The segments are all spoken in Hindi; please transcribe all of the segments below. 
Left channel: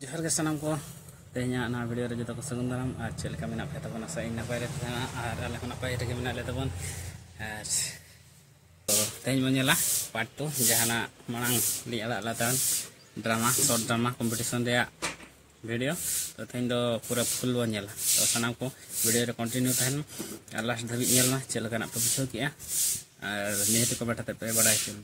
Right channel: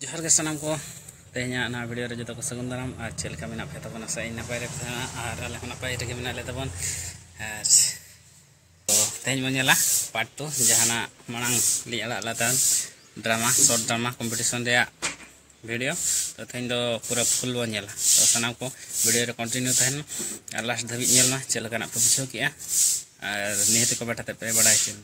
जोहार के सामान को तेहना ना वीडियो रे जो को सगुन दाराम और चेल का मेना पे तबन आशा इन नपाय रे तहना और आले हो नपाय रे मेना ले तबन और तो तेहन बन नेला पार्ट 2 जहाना मांग लि आला लातान ड्रामा शॉर्ट ड्रामा कंपटीशन रे वीडियो तो तेहन दो पूरा फुल बन नेला तो सानाम को वीडियो रे कंटिन्यू तहन और लास्ट धाबी नेल मा चेल का ना पे बुझो किया और निहत को बैठा पे बड़ा चल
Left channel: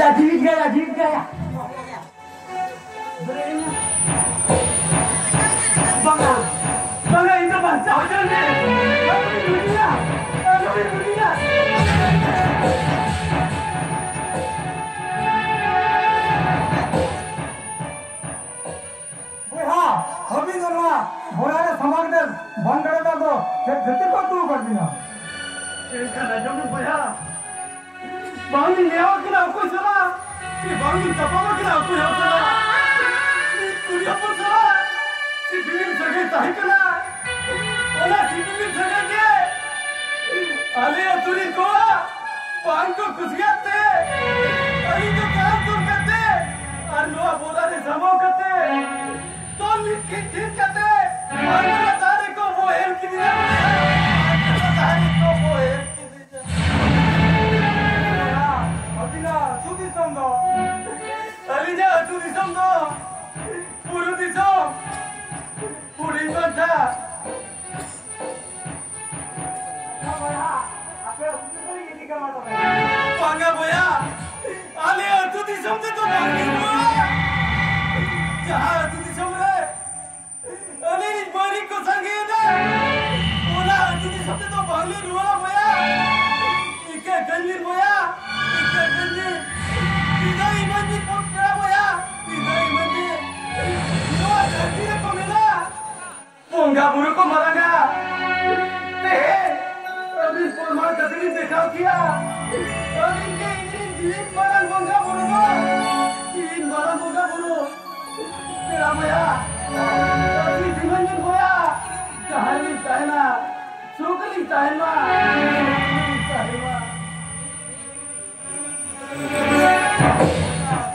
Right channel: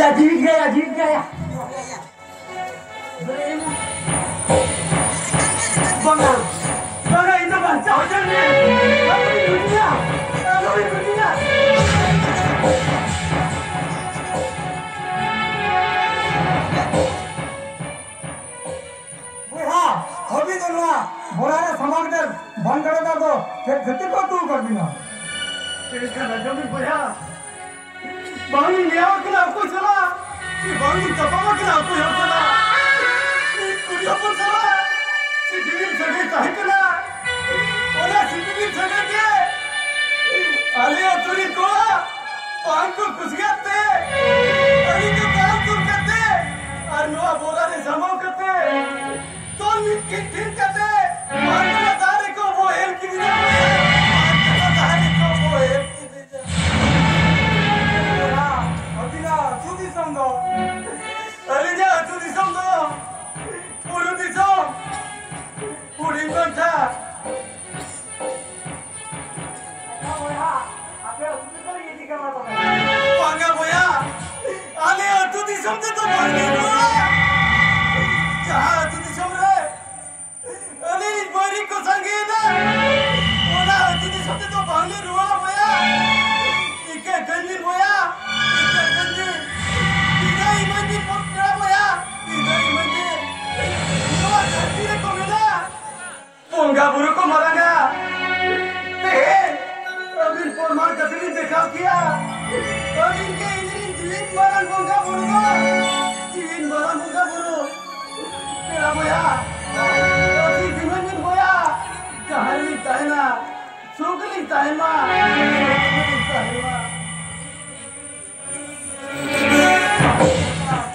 जीत गया जीत गया बंगा बंगा इन बच्चा हो जाने अभी तो ना बोरारे समाज दर बंद करे था तो फिर को तू कर बिना इसका नजर में बोला बांगी ले आओ कि ना कोई चला कि बांगी तपावा कि ना कोई हो चला कुड़िया पर चला सिटीवीर सगे काहे के ना ओला सिटीवीर सगे के आले अतुरी को पान को कुसगाते अली के काल तुम करते और नो बोरारे समाओ करते तो निके ठीक करते मांगला तारे को वो हेल की दिया मांगला तारे को वो हेल की दिया अबिना सुदी समझो अलीजा सुदी समझो पूरी दिसो पूरी कोठा पांगा बोया आले सुदी समझो तो मांगी बोला जहाँ तुझी समरे अली बरी को संगे ना ओला तुझी समझे तो बांगली रुवाला बोया इके गंजी बोया इके गंजी इके मंजी पोटरा बोया इके मंजी यो धरती रे को मिला पोंगा बुरु को मराना ते अभी पोर मार कतरी दिखाओ किया अभी के इंजन जीन मरन पोंगा बुरु को जीन मरन पोंगा बुरु तेरा बोया अभी दिमंजन बोया कहार लिखता है ना सुख लिखता है ना लिखता है ना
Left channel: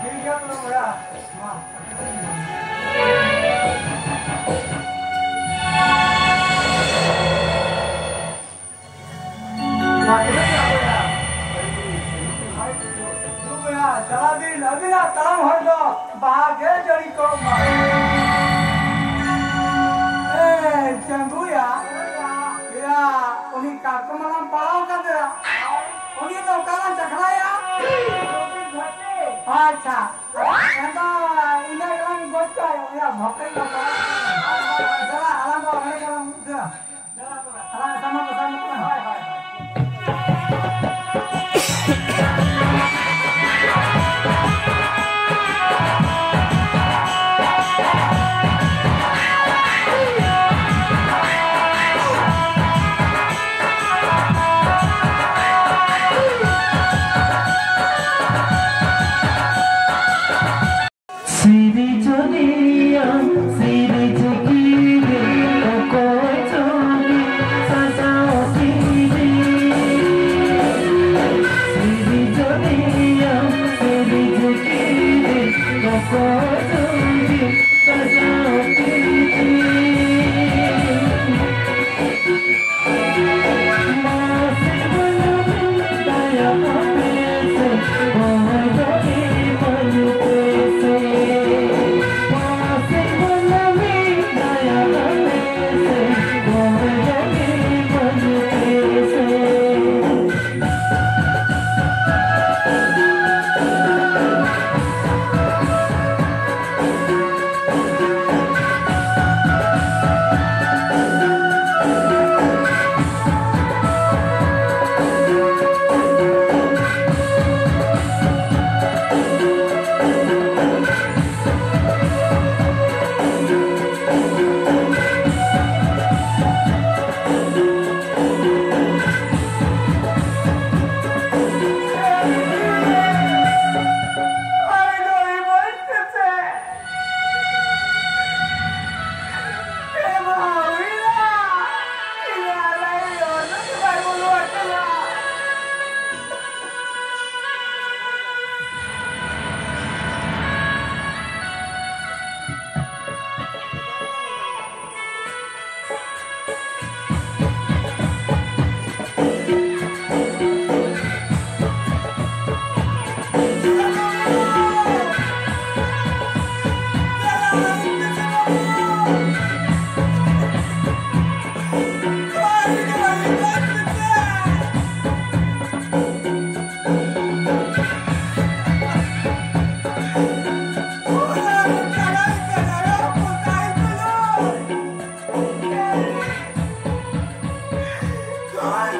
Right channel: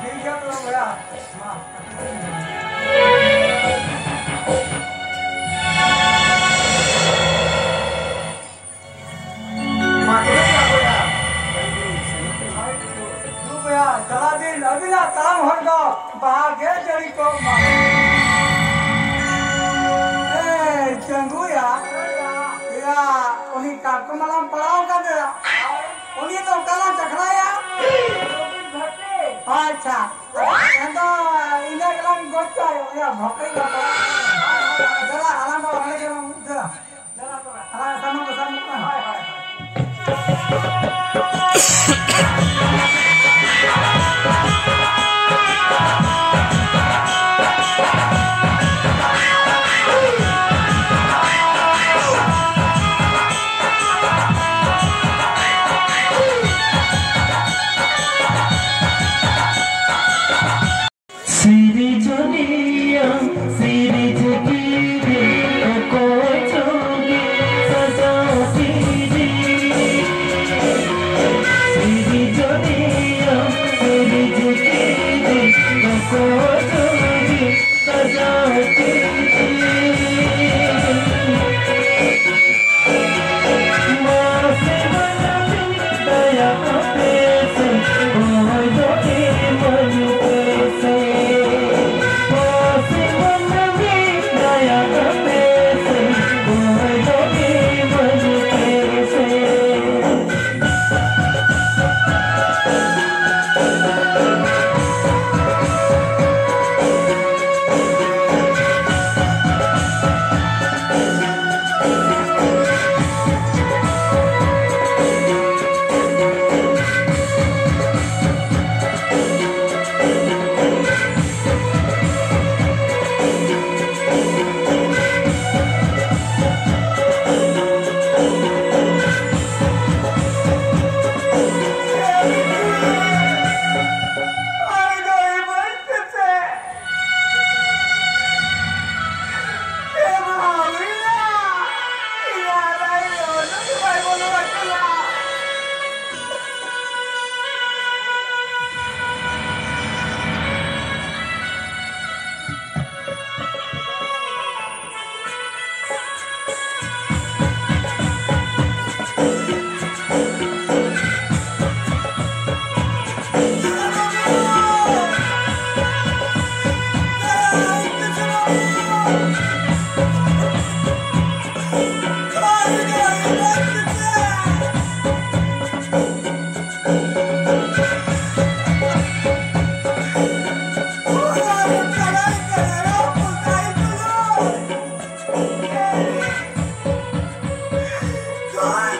ठीक है तो बोया माँ तो क्या बोया तू बोया चला दिन अभी ना काम हर दो भाग्य जड़ी को चंगू या उन्हीं कार्यक्रम पढ़ाओ कर दे उन्हीं तो कला चखना या अच्छा तो इधर कला गोचा या भक्ति का चला आराम हमने चला चला सामने Oh,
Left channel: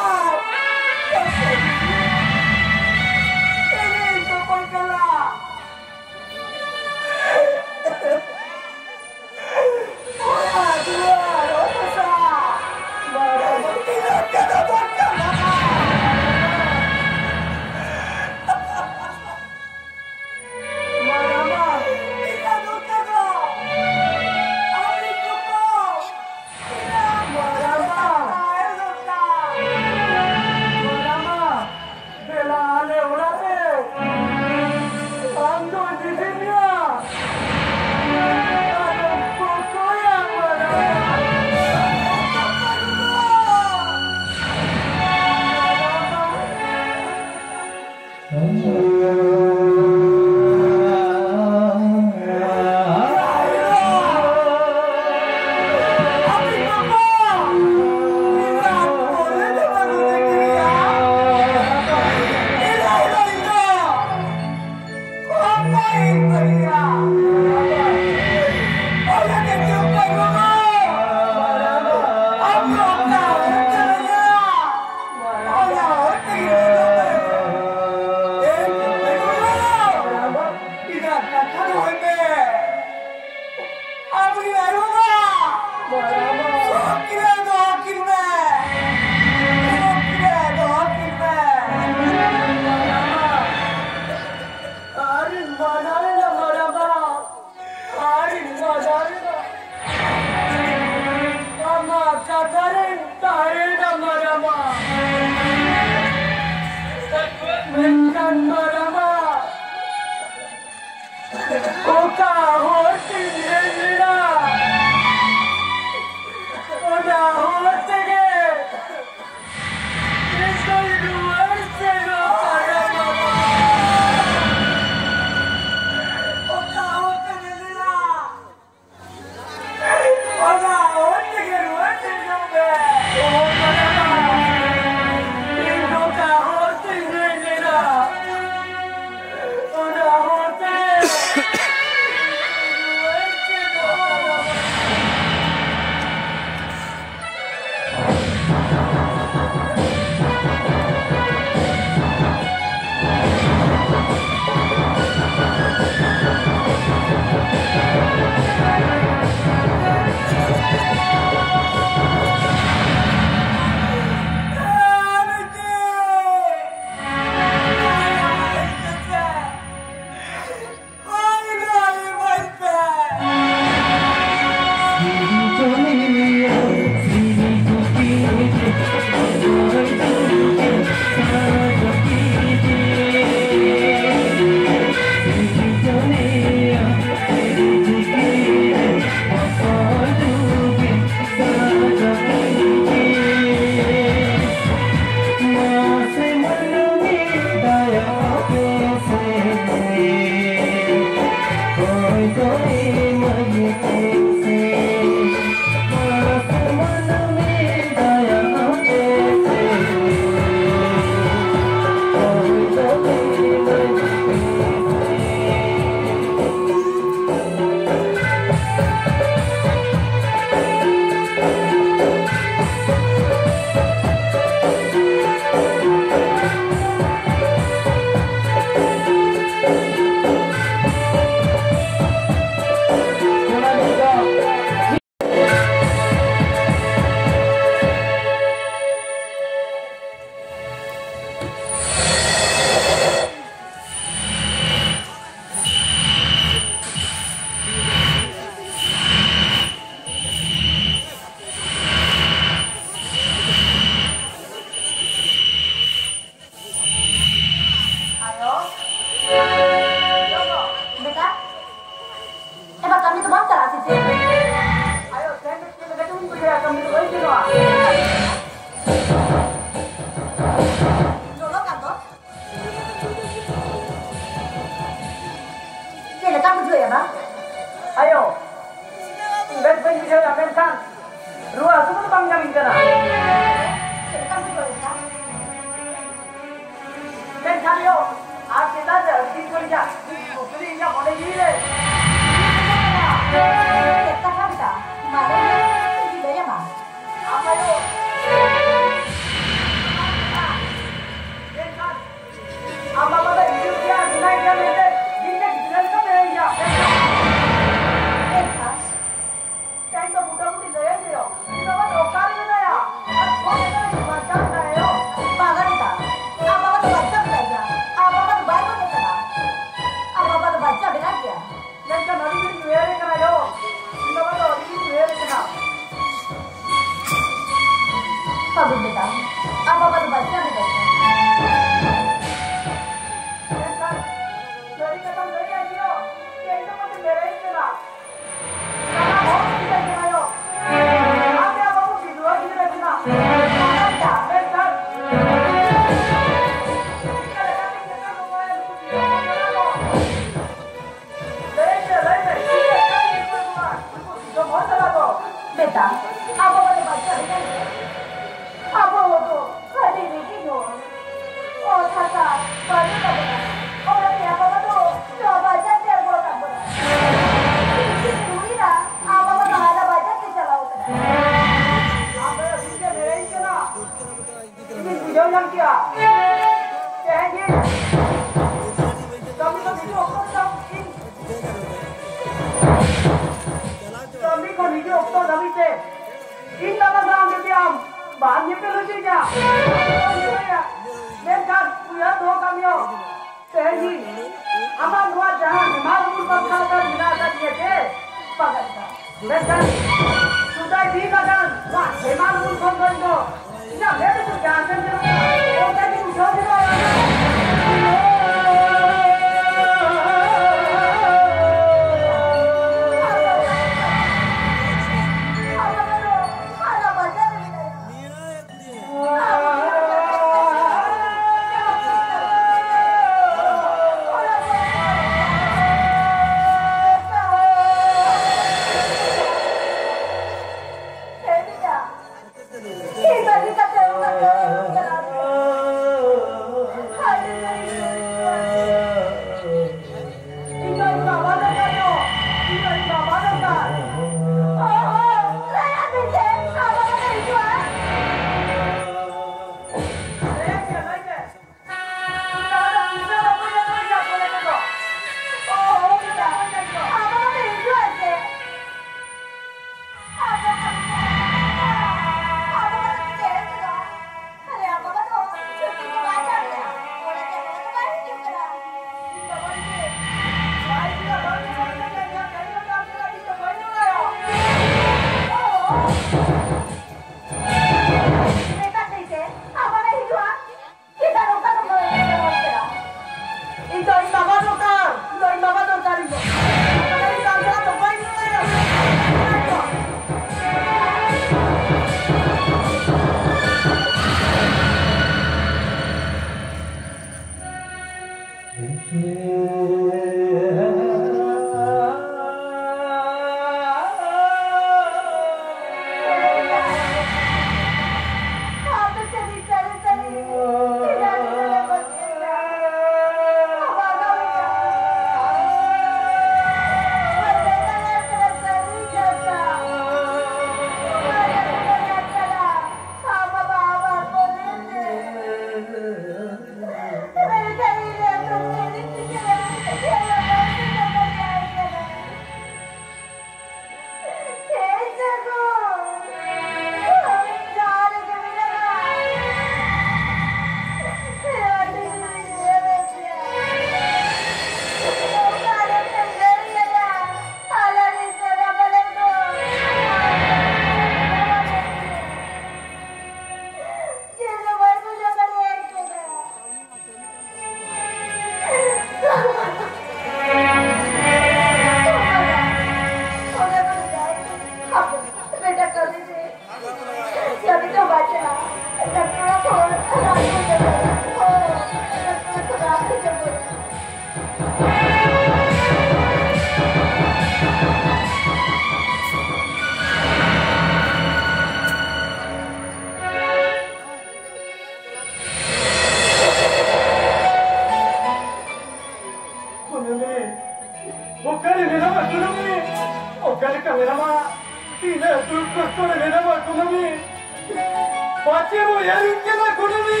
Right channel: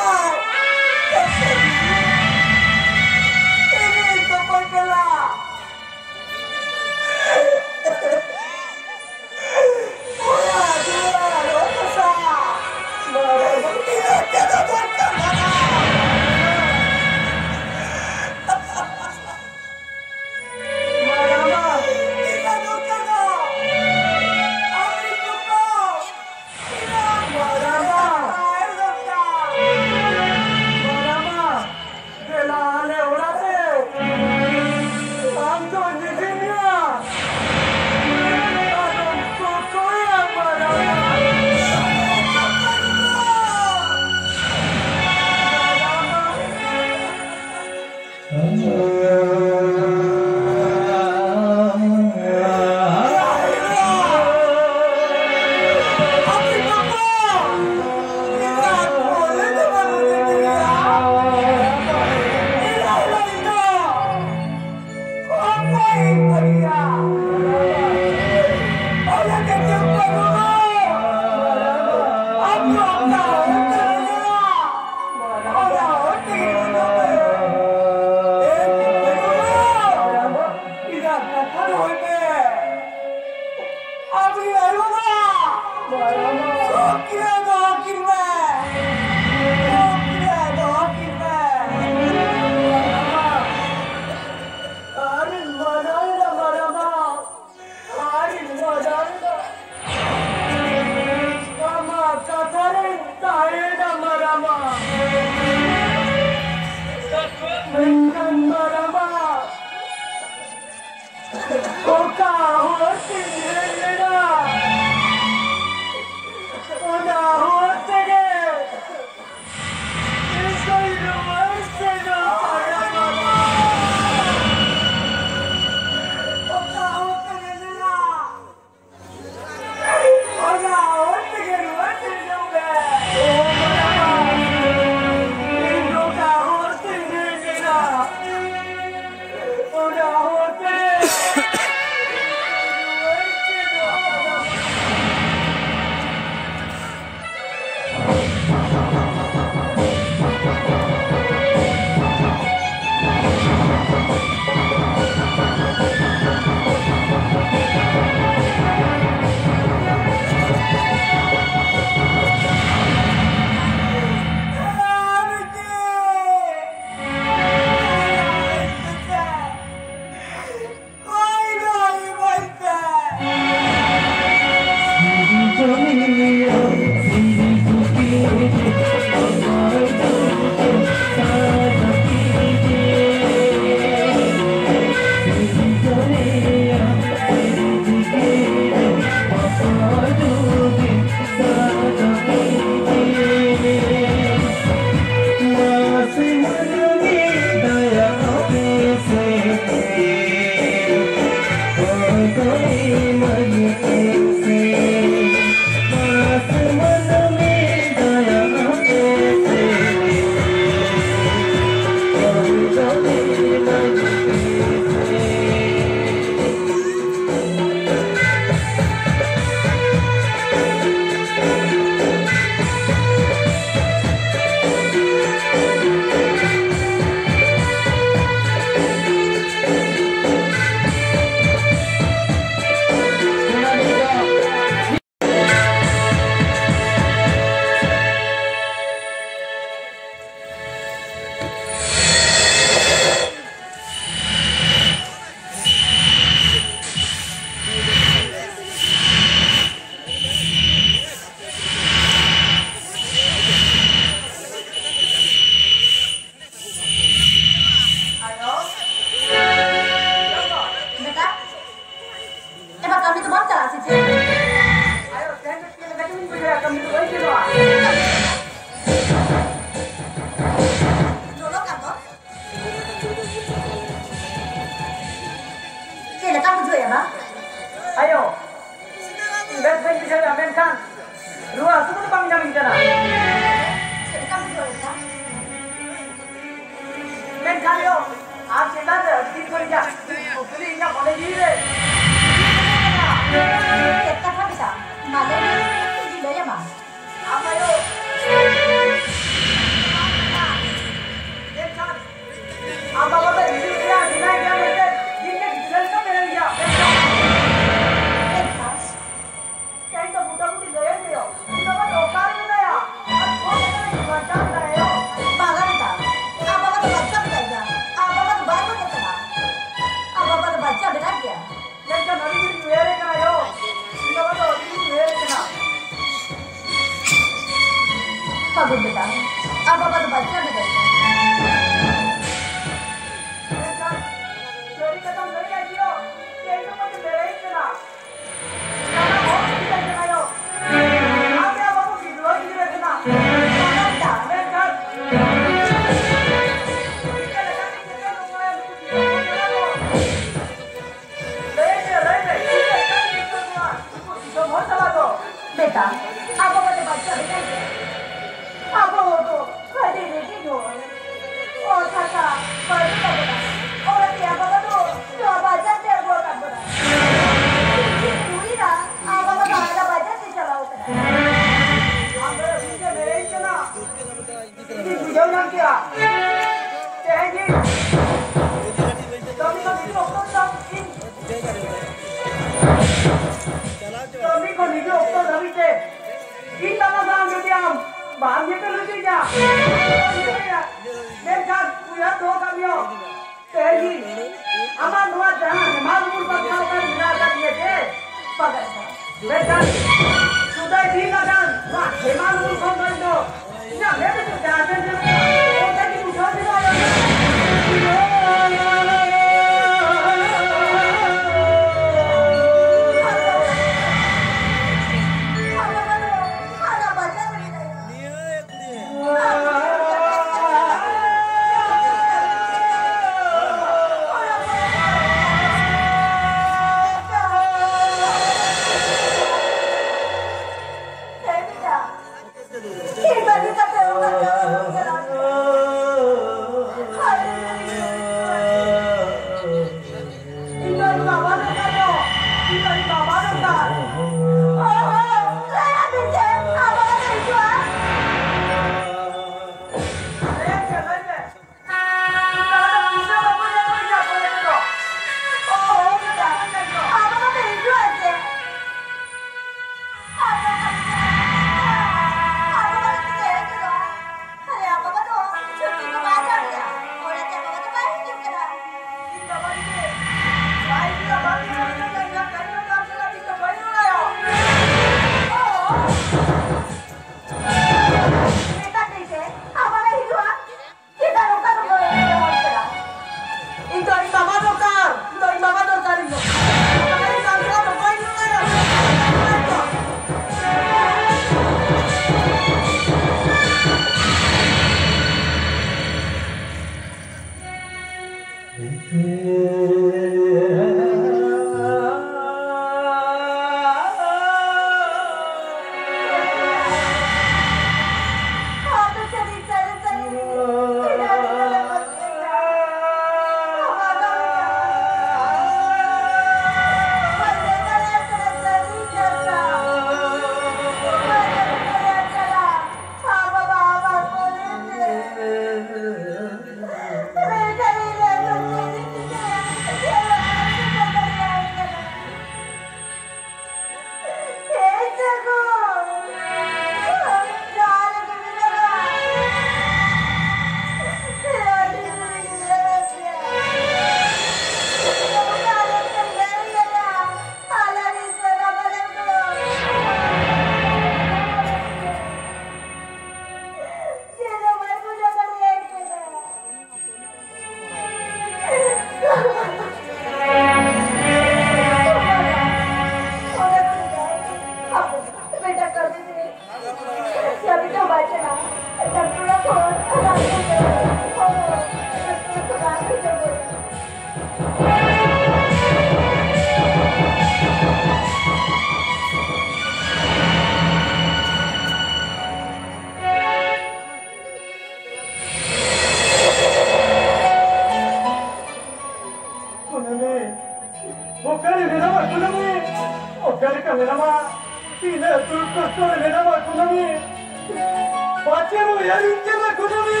Pacemo yarinke na kunani.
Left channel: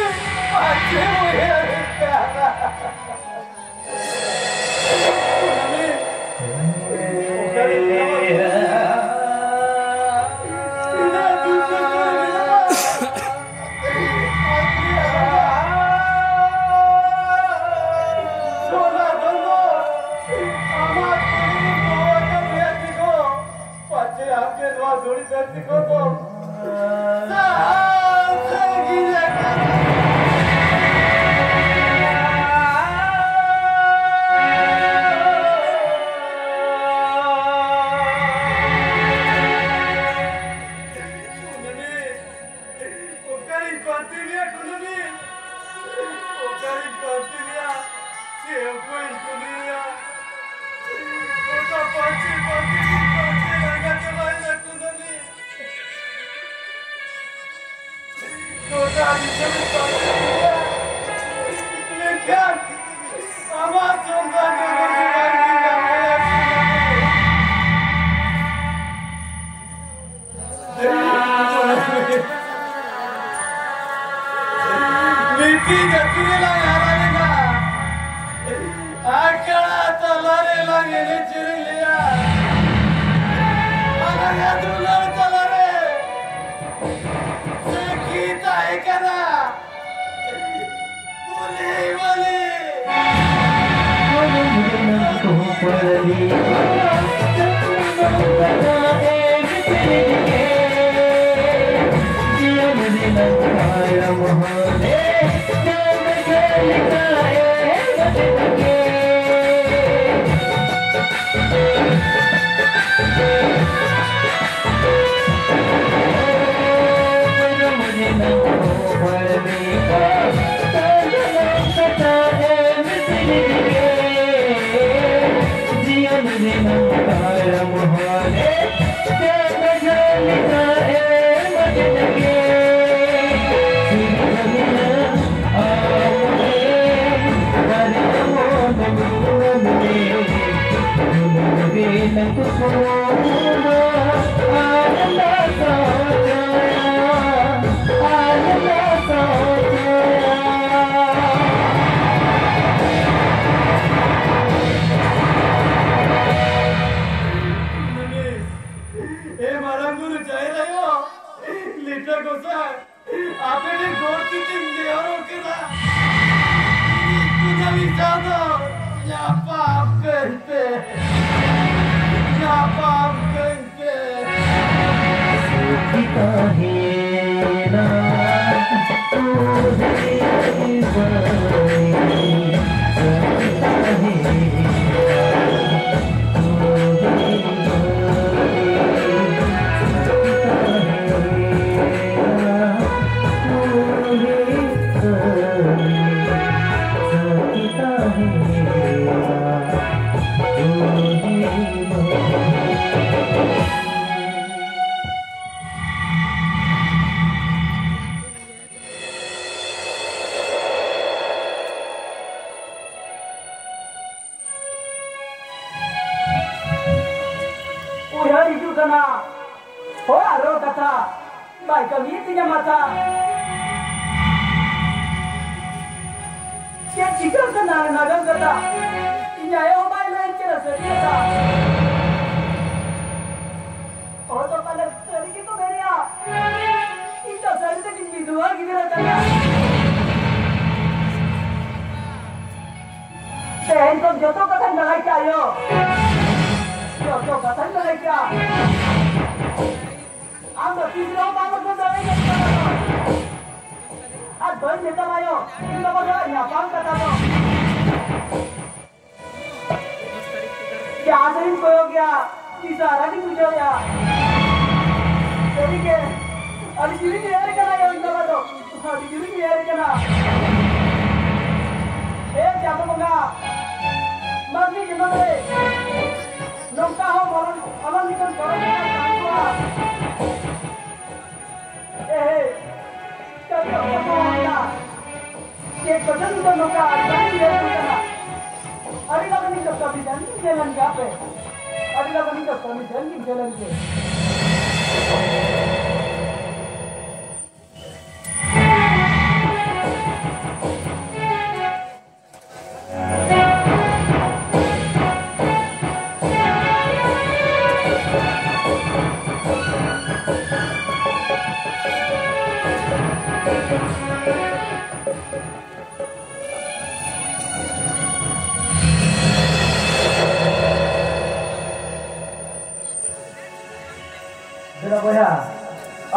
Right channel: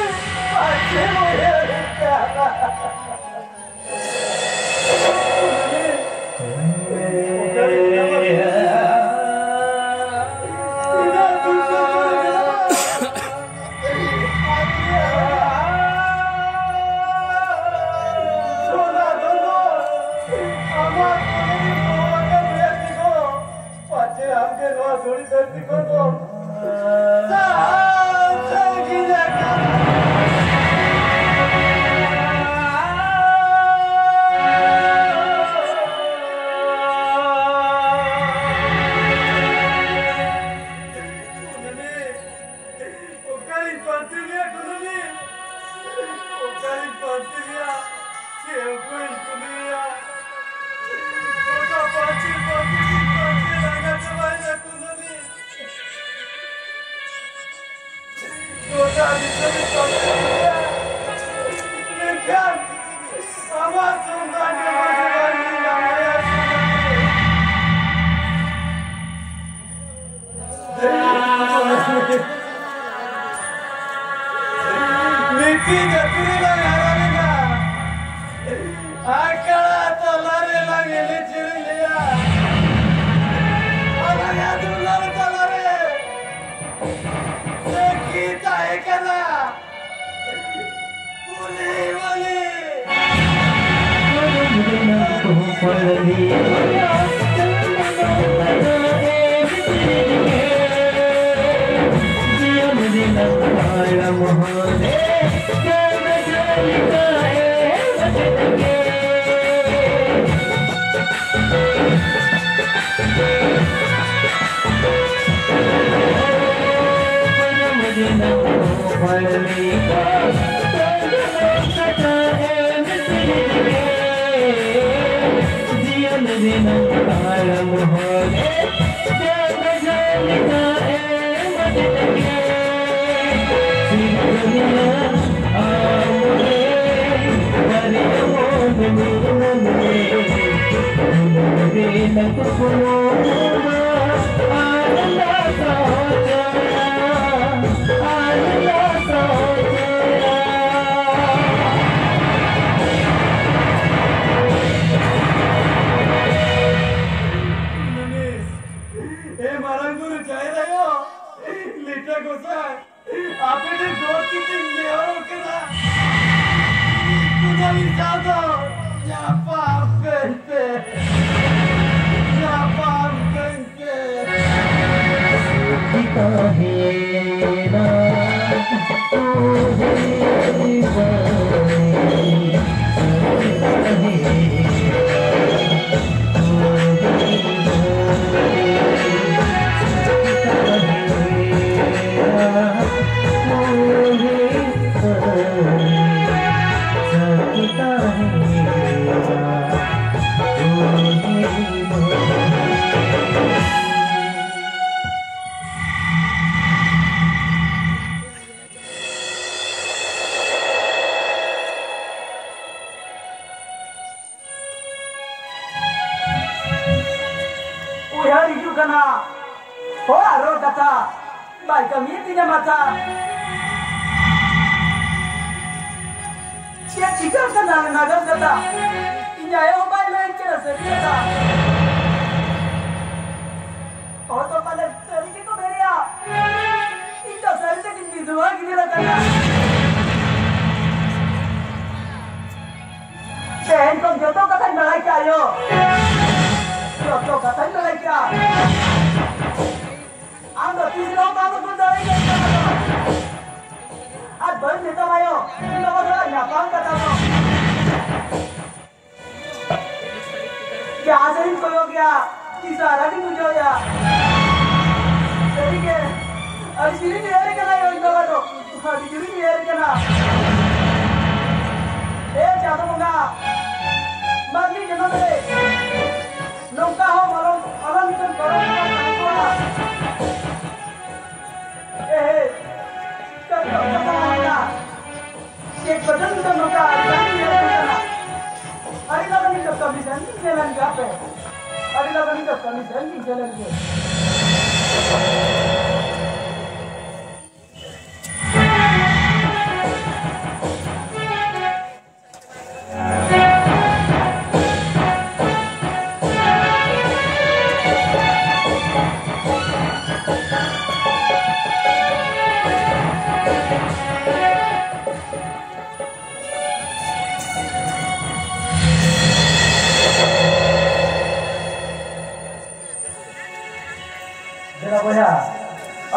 Pacemo yarinke.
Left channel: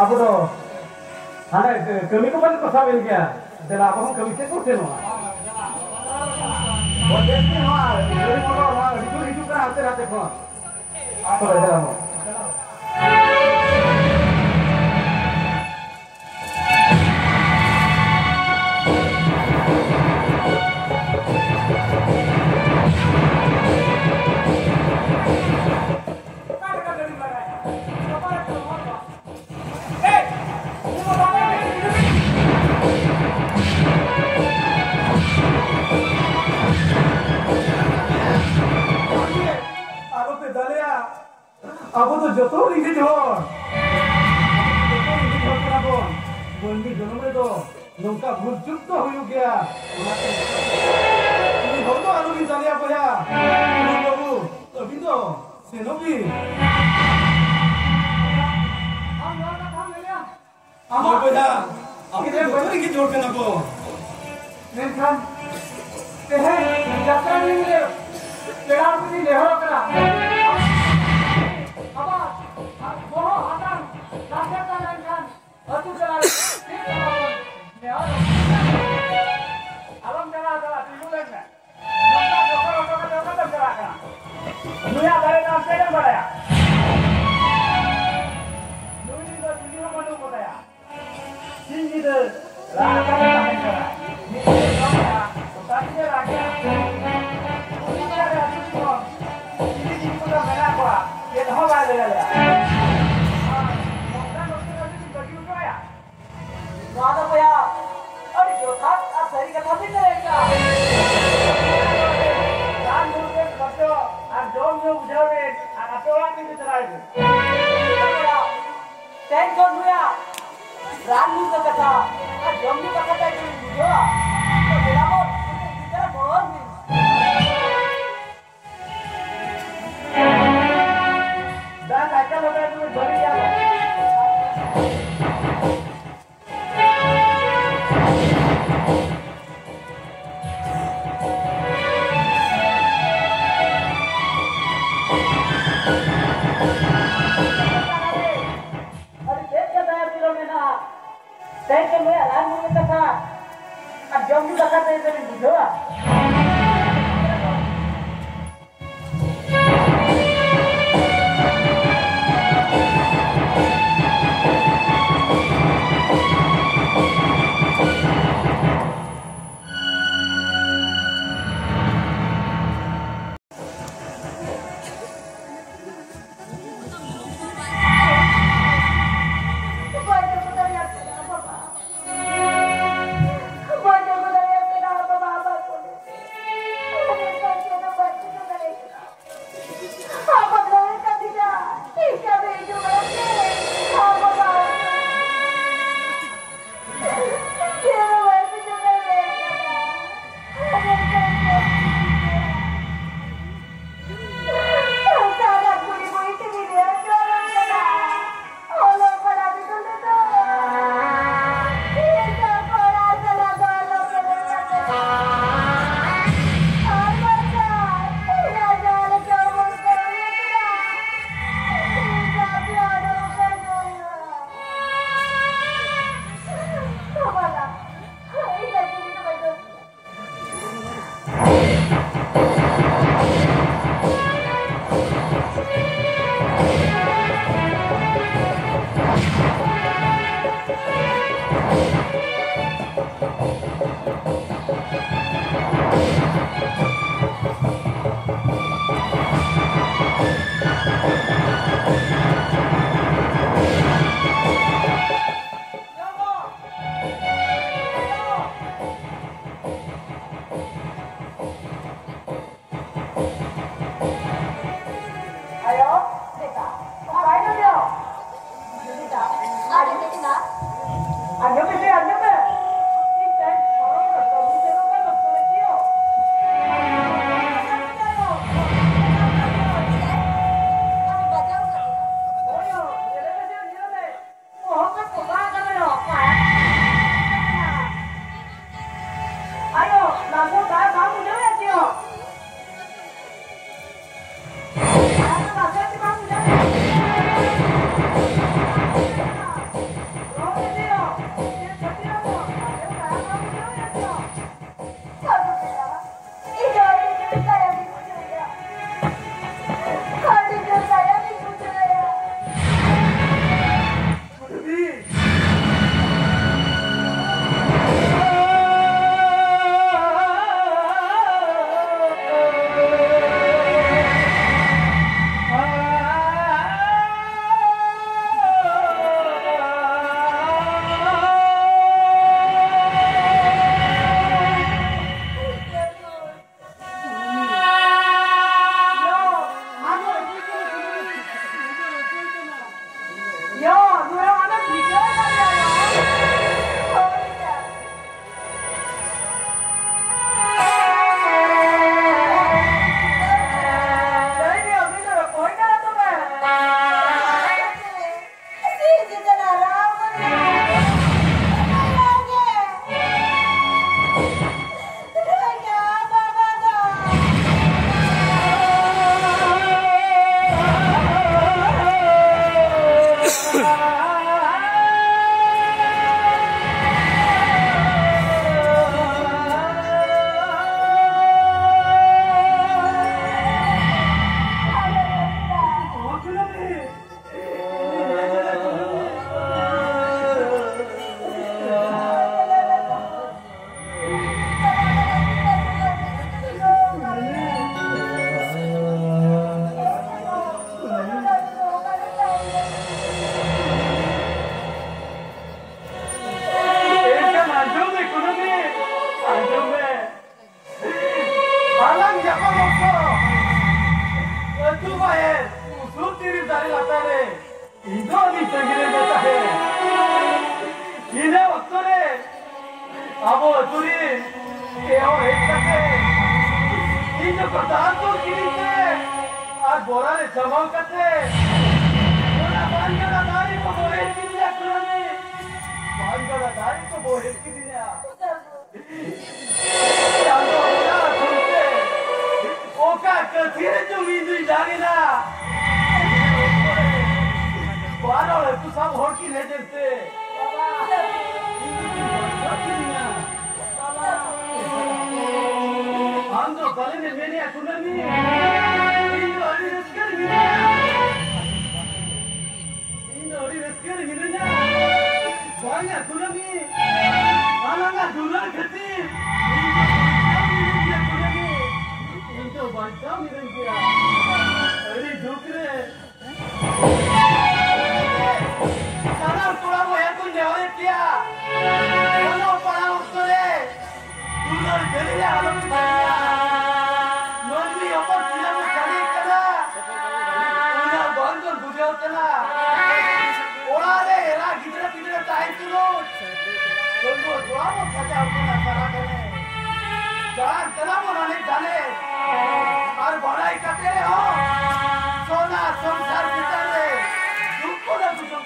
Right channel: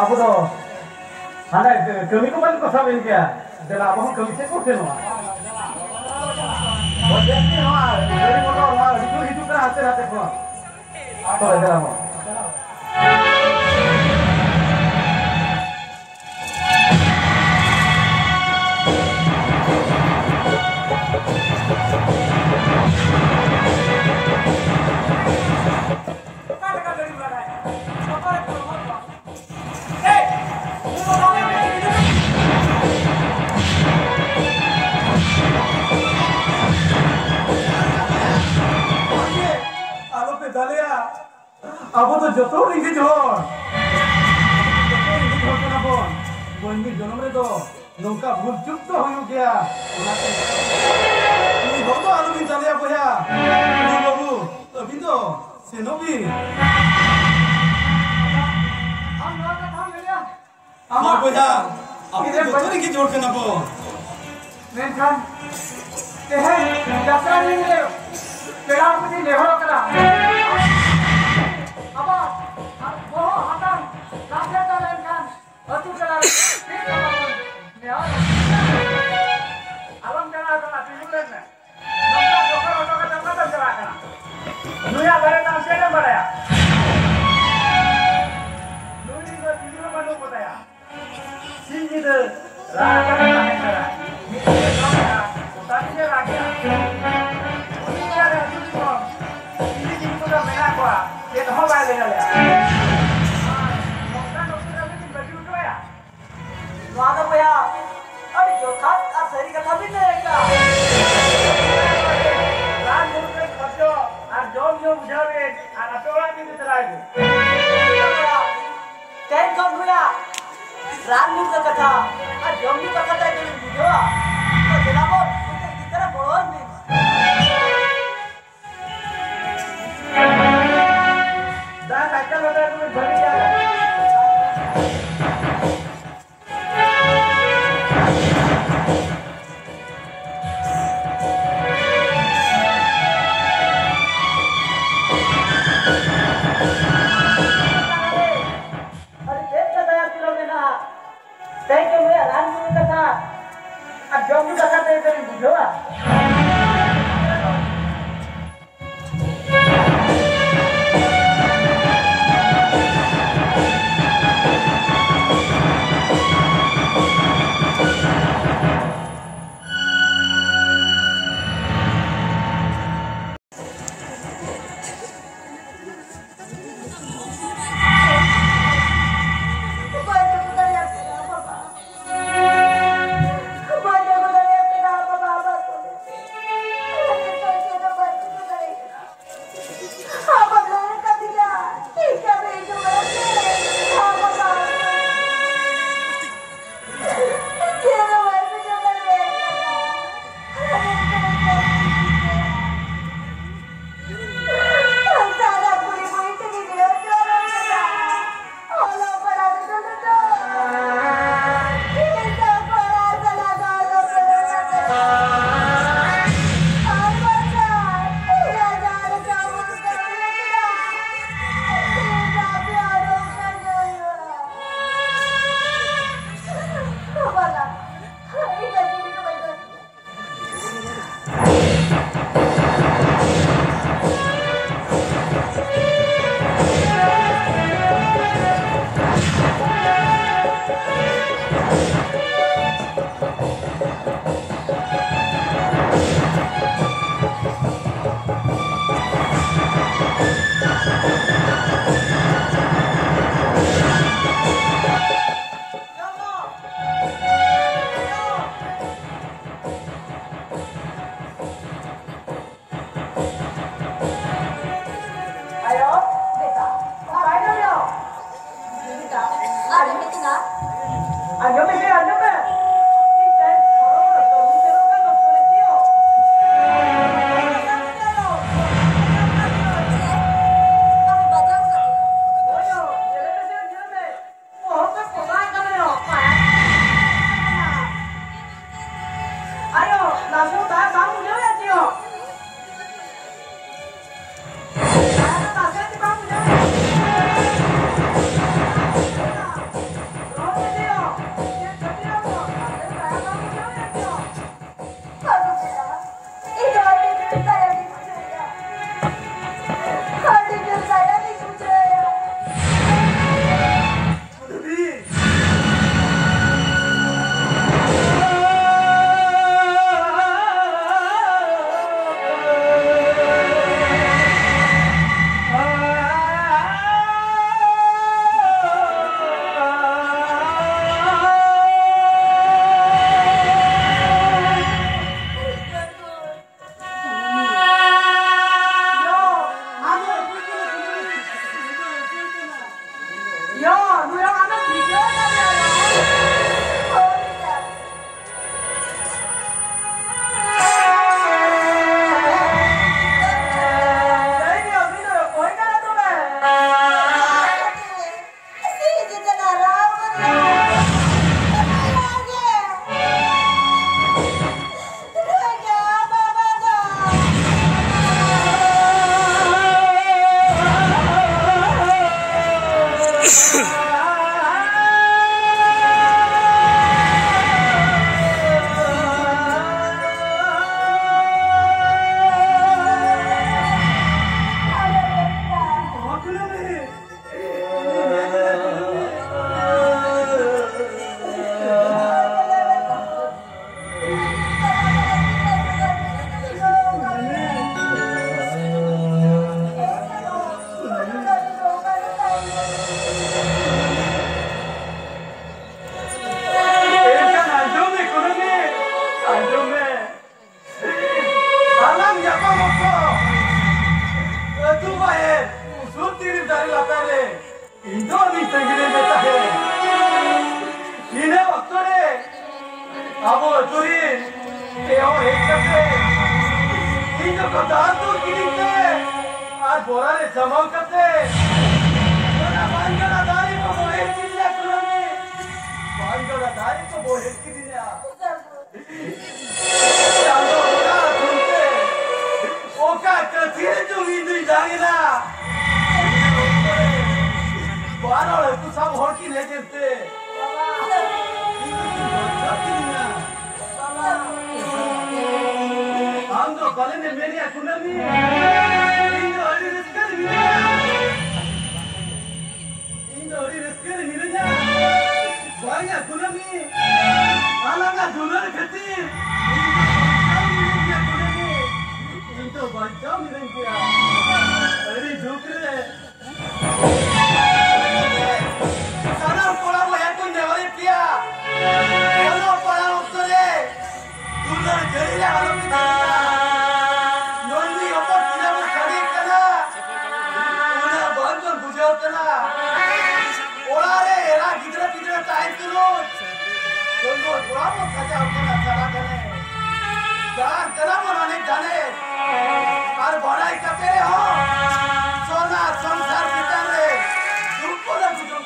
Aku tuh, ada kami kembali ke Samin kia. Jadi apa pun kami sekor semua. Oh jadi mah, dari motor mah, itu kan hati kok. Atau ada lama. Aku tuh jodoh ringgit johor. Jodoh ringgit johor kenapa? Bandi jonom itu nungka bujuk tuh huyuk ya. Ini hoto alu bin jale apa ya? Ini babu, tapi tuh senobi. Apa ya? Aku tuh jodoh ringgit johor kenapa? Menkan, jatra ini, pelang ini lehor kena. Apa? Bohong, hatang, kasih tangan kan, hati selalu. Alam jangan salah timulan na. Nokta kata salah kan. Dunia bare nasi kan bare ya. Dunia itu video mana buat ya? Sini tu, raja kan cara. Ini orang utari je lagi. Ini ada juga. Ini juga merah gua. Dia tu hawa le ya. Nokta lagi baju tu ya. Nada ya. अरे जो था अब सही कथा भी नहीं रहेगा राम मुर्गे बच्चों और जोम जो बुझावे और अटोला भी चलाएंगे टेन कम हुआ राम मुर्गे कथा और जोम जो कथा था इधर बुझो तो जनाबो इधर बोल नहीं दा साइकिल होता है तुम्हें भरी जाए लातारे इधो भी संगीने देता है इन्हें वक्तोरे अबो चुरी तेहो एक करते इन्हें को दांतों किरीते आज बोरा ने जमाव करते बोला बांगला दारी को बोहे किरिया कुलनी बांगला दारी को बोहे किरिया चालो बोला सुनते ओका कथिए जो नींद जागेला बारो तू सब होड़ की नहीं देते हम तो भले में मेरी अकुनमी इन ओरी रिस्कर हिरना भाई अकुनमी आलंगा दुलर खती इन तो बच्चा मिलन किया अरे झुकरे साना कोड़ा वो है कोई नेवरे किया बोलो पड़ा उतरे दुलर जरिए आलो किया नोनी ऊपर किला में खड़ी कला उन्हें बंदर बुझे उतना ओरा रे एरा किधर किधर टाइम करो दोनों कोड़ा वो सजा उतना चला करने जान चला बनाने जाने और बनाई करते हो सोना संसार बिताने तुमको ना बुझो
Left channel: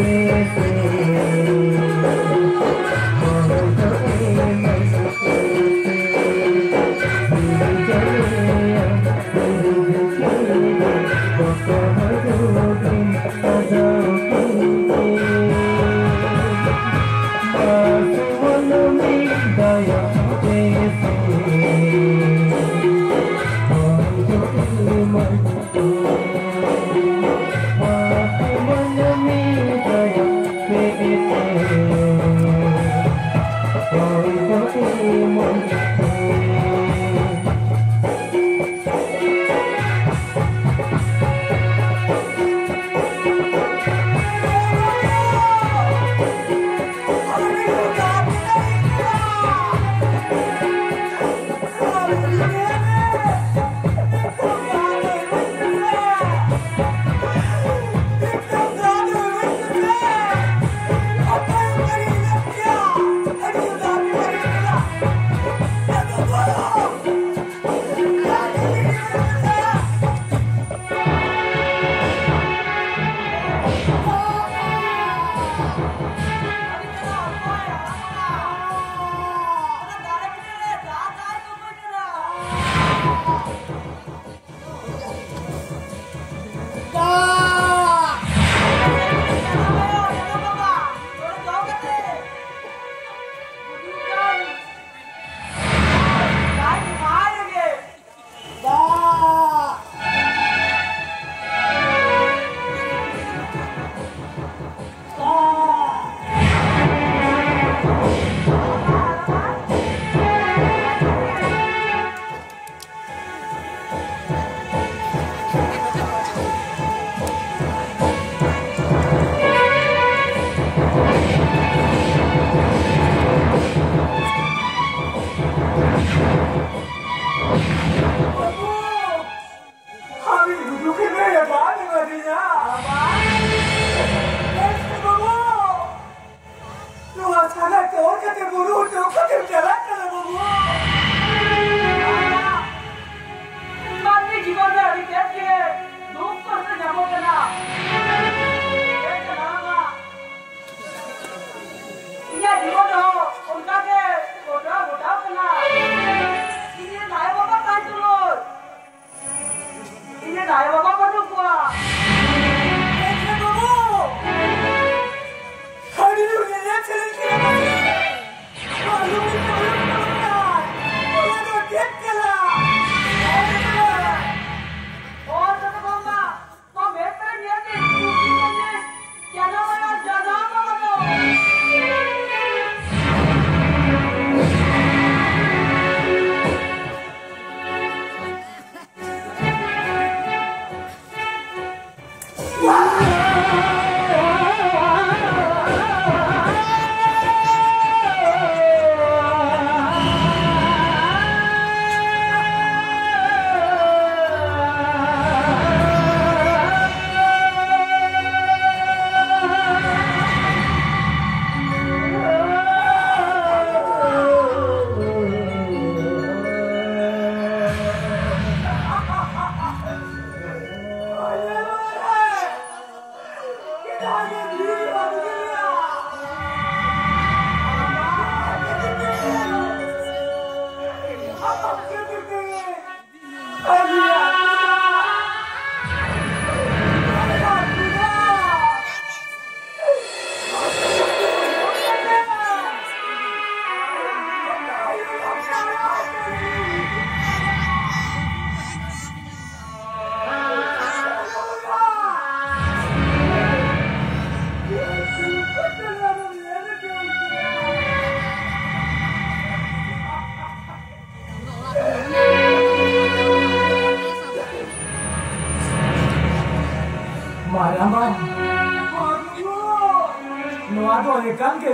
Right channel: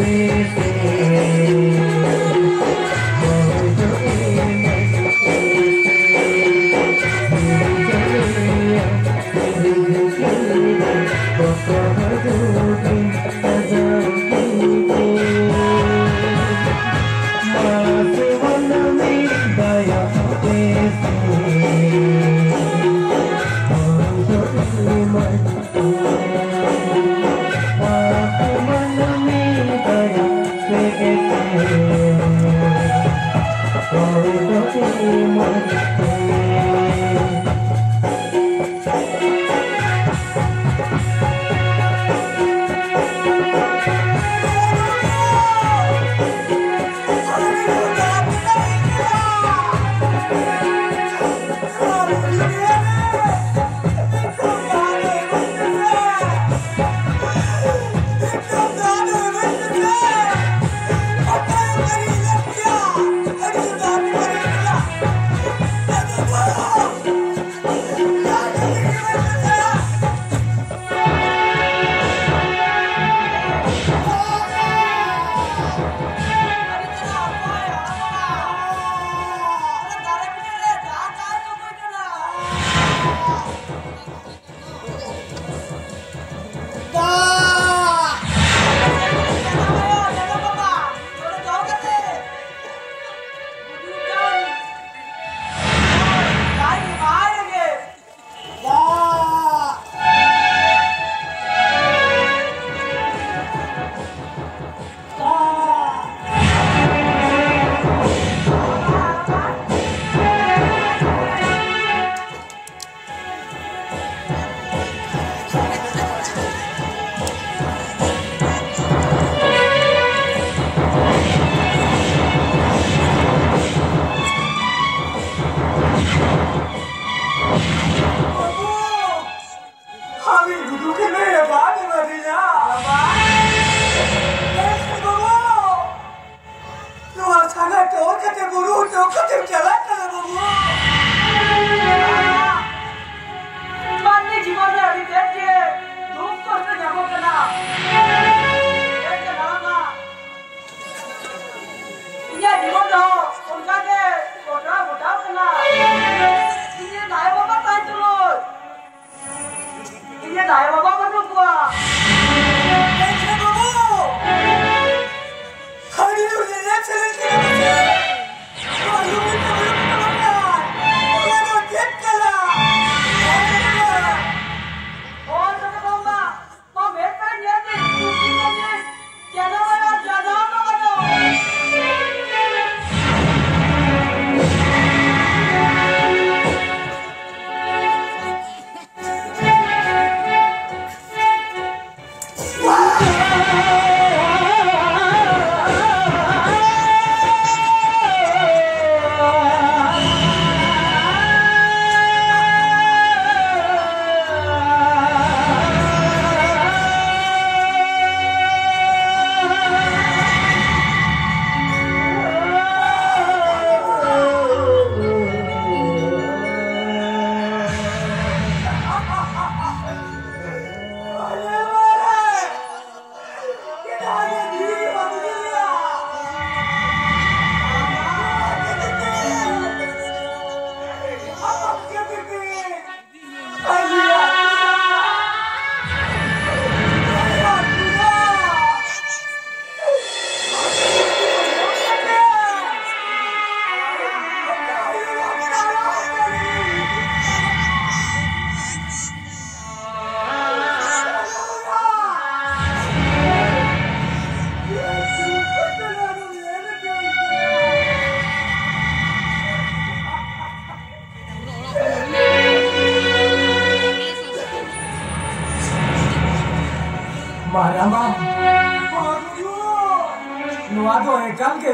Daya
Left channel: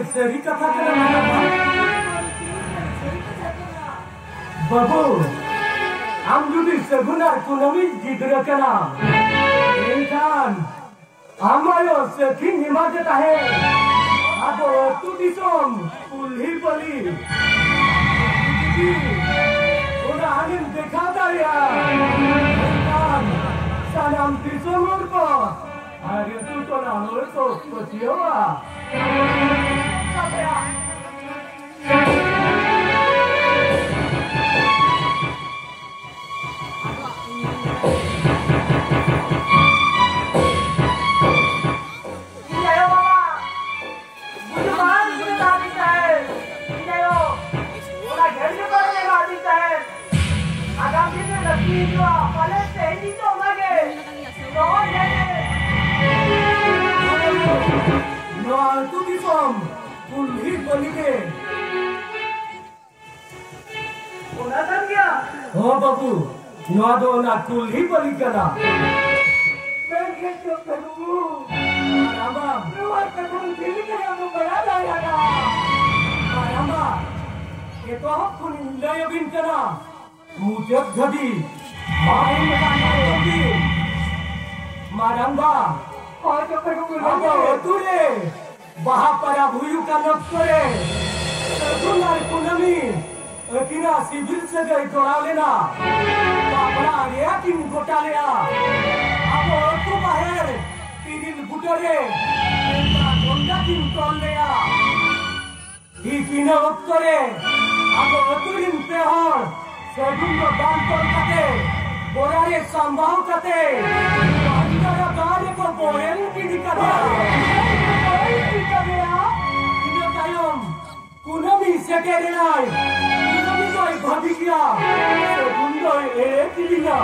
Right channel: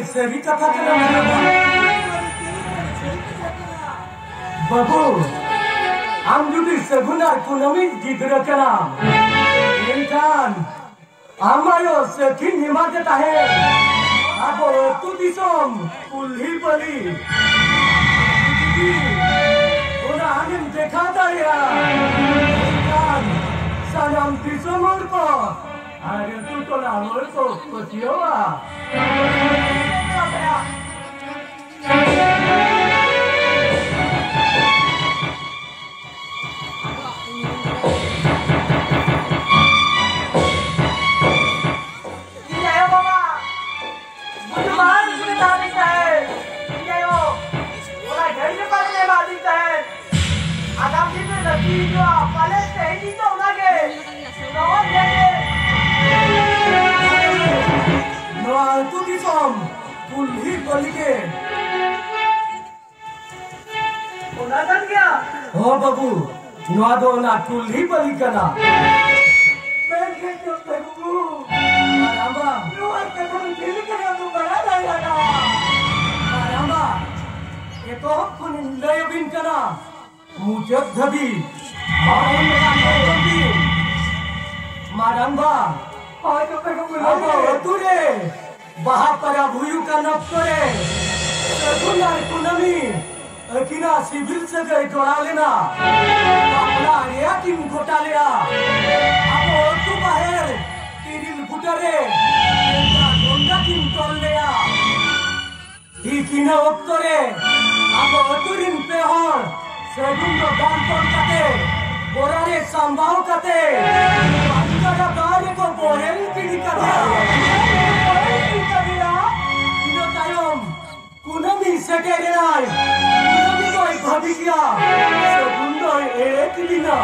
सही कथा बाबू आम जुदी सगुनार कुलमी गिद्र कना इनकान आमायो सखी निमाते ताहे आबो तु दिसोम कुल्ही बली ओना आमिन देखा दाया इनकान सनम दिसोमर को अरे तू तो ना हो तो पतियोवा Tutti som कुल्ही बलिगे ओना जान गया हो बाबू नवा दो ना कुल्ही बलि कना मैं के तो करूं रामा नवा कथन दिल करा तो बड़ा जाएगा रामा ये को कुन लय बिन कना मुजद्दबी माइन का मारंबा और तो करूं अब तुरे बहा परा भुयु का नक्तरे कुनार कुनमी किना सिविल से गए तोड़ा लेना बापला रिया किन गोटा लिया अब तू बाहर तिरिल बुटरे एका गोंडा किन तोल लिया ही किना उत्तरे अब Turin पेहर segundo danton kate borare sambao kate angara gare ko borel kini kate ino tayom kunami sekerenai kunami koi bhabikia segundo ekilina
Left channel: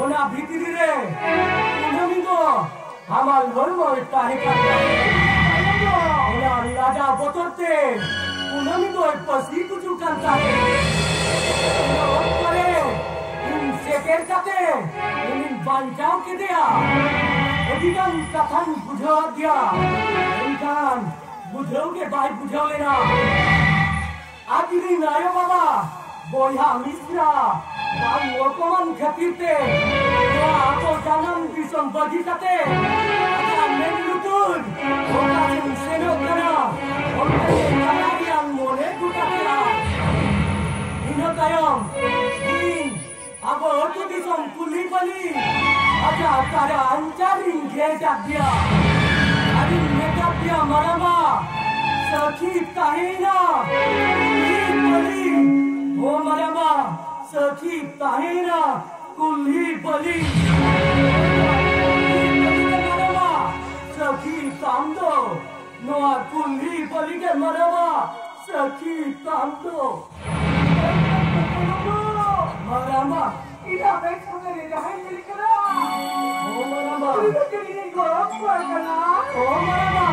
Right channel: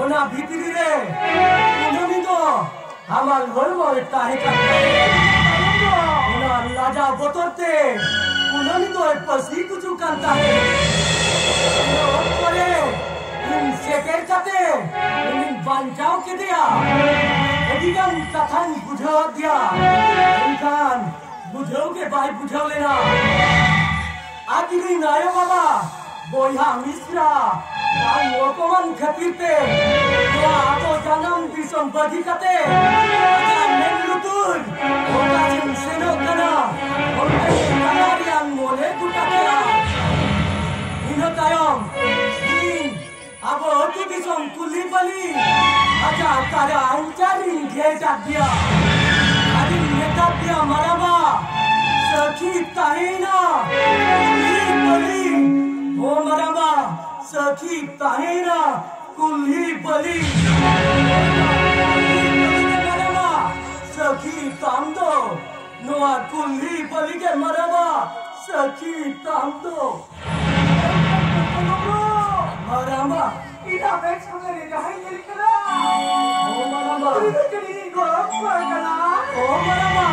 ona bhitiri re kunami ko amal hormo tahika ona laja botorte kunami ko pasi kuchu kanta hai करे इन सेकेर कते इन बांचाओ के दिया एदिगन कथन बुझो दिया इनकान बुझो के भाई बुझो लेना आदिनी नायो बाबा बोया मिश्रा नाम मोकमन खतीते तो आतो जन्म दिसम बगी कते आजा मेनुतुर ओका जिन सेनो कना ओके कलारियान मोले गुटाया ino tayong in abo tu disong kuli bali aja kara anjarin geta dia adin meta dia marama sakhi tahina kuli bali ho marama sakhi tahina kuli bali marama sakhi tamdo noa kuli bali ke marama sakhi tamdo Maramba, ina bex hangare rahi dil kara oh Maramba, ina kini gorom kara oh Maramba,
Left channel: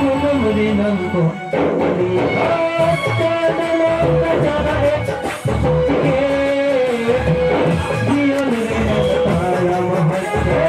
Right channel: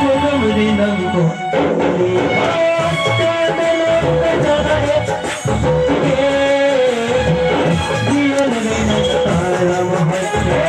Kunamri nango, te mele betare, diye ne tara mohatte,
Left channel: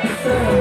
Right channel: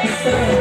Kita